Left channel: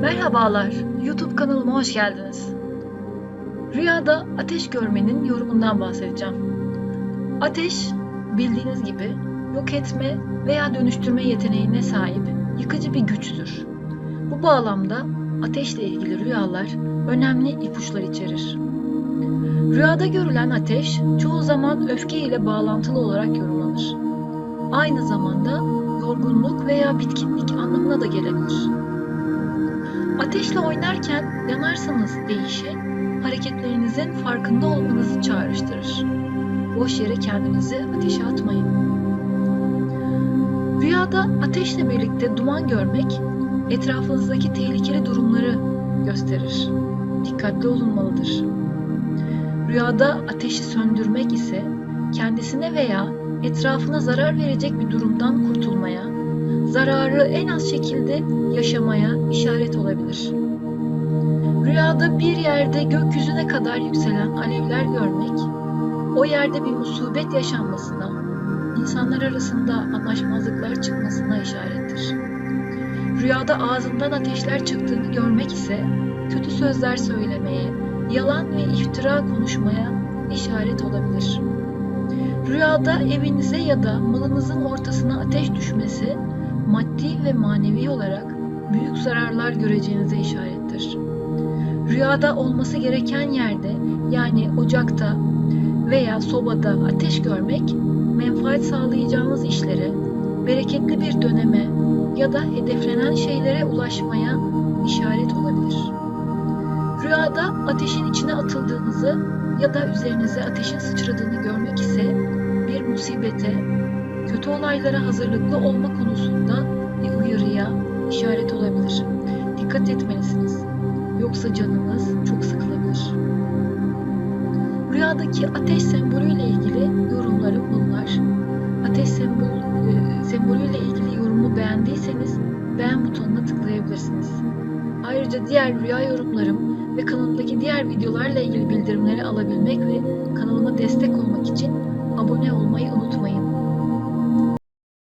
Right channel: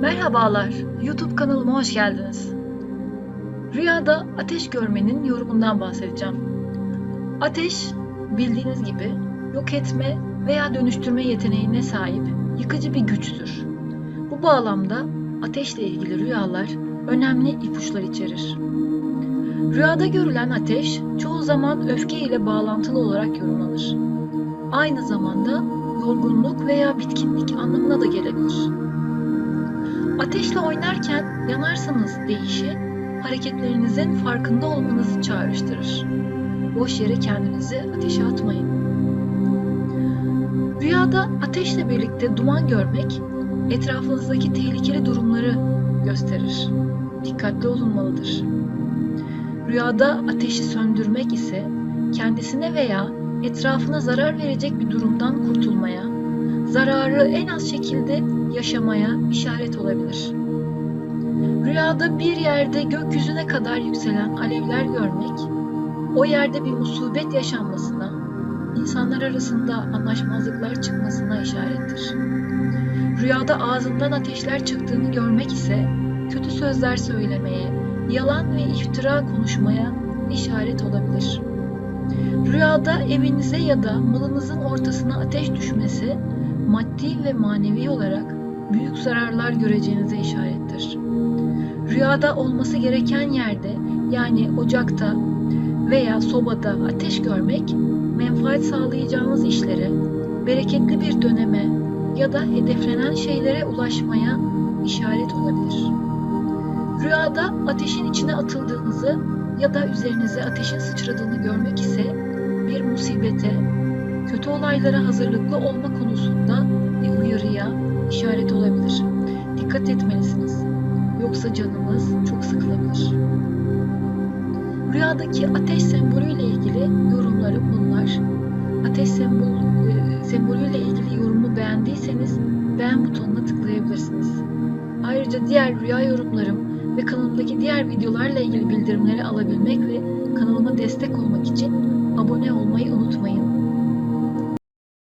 Merhabalar, YouTube kanalıma hoş geldiniz. Rüyada ateş görmenin yorumundan bahsedeceğim. Ateş, bildiğiniz gibi yok etme veya dönüştürme yeteneğine sahip yıkıcı bir güçtür. Bu bağlamda ateşle ilgili rüyalar önemli ipuçlar içerir. Rüyada görülen ateş çoğu zaman öfke ile bağlantılı olarak yorumlanır. Aynı zamanda yorgunluk veya bitkinlik anlamına da gelebilir. Ateşle oynarken yanarsanız deyişi hareketlerinizin farkında olmanızı çağrıştırır. Boş yere kendinizi ateşe atmayın. Rüyada ateşle birlikte duman görmek etrafınızdaki tehlikeli durumları gösterir. Dikkatli olunmalıdır. Rüyada ateşi söndürmek ise kendisine veya etrafına zarar verecek bir durumdan kurtulmaya, zararı en az şekilde yaşamaya işaret olabilir. Rüyada bir yerde gökyüzüne kadar yükselen alevler görmek, o yerde bir musibet yaşanmasına, insanlar arasında anlaşmazlıklar çıkmasına işarettir. Rüyada ağzından ateşler çıktığını görmek ise kötü sözler söylemeye, yalan ve iftira konuşmaya işaret olabilir. Rüyada evinize ya da malınızın ortasına ateş düşmesi maddi ve manevi olarak büyük zararlar göreceğinize işarettir. Rüyada olması gereken yerde yani ocakta veya sobada ateş görmek menfaat sağlayacağınız işlere, bereketli bir döneme ya da hedeflenen şeylere ulaşmaya işaret olabilir. Rüyada ateşin içine atıldığınızı ya da üzerinize ateşin sıçradığını görmek ise bir musibete, kötü olaylara hazırlıklı olma konusunda bir uyarıya işaret olabilir. Dikkat etmelisiniz. Yoksa canınız çok sıkılabilir. Rüyadaki ateş sembolüyle ilgili yorumlarım bunlar. Ateş sembol, e, sembolüyle ilgili yorumu beğendiyseniz beğen butonuna tıklayabilirsiniz. Ayrıca diğer rüya yorumlarım ve kanalımdaki diğer videolarla ilgili bildirimleri alabilmek ve kanalıma destek olmak için abone olmayı unutmayın.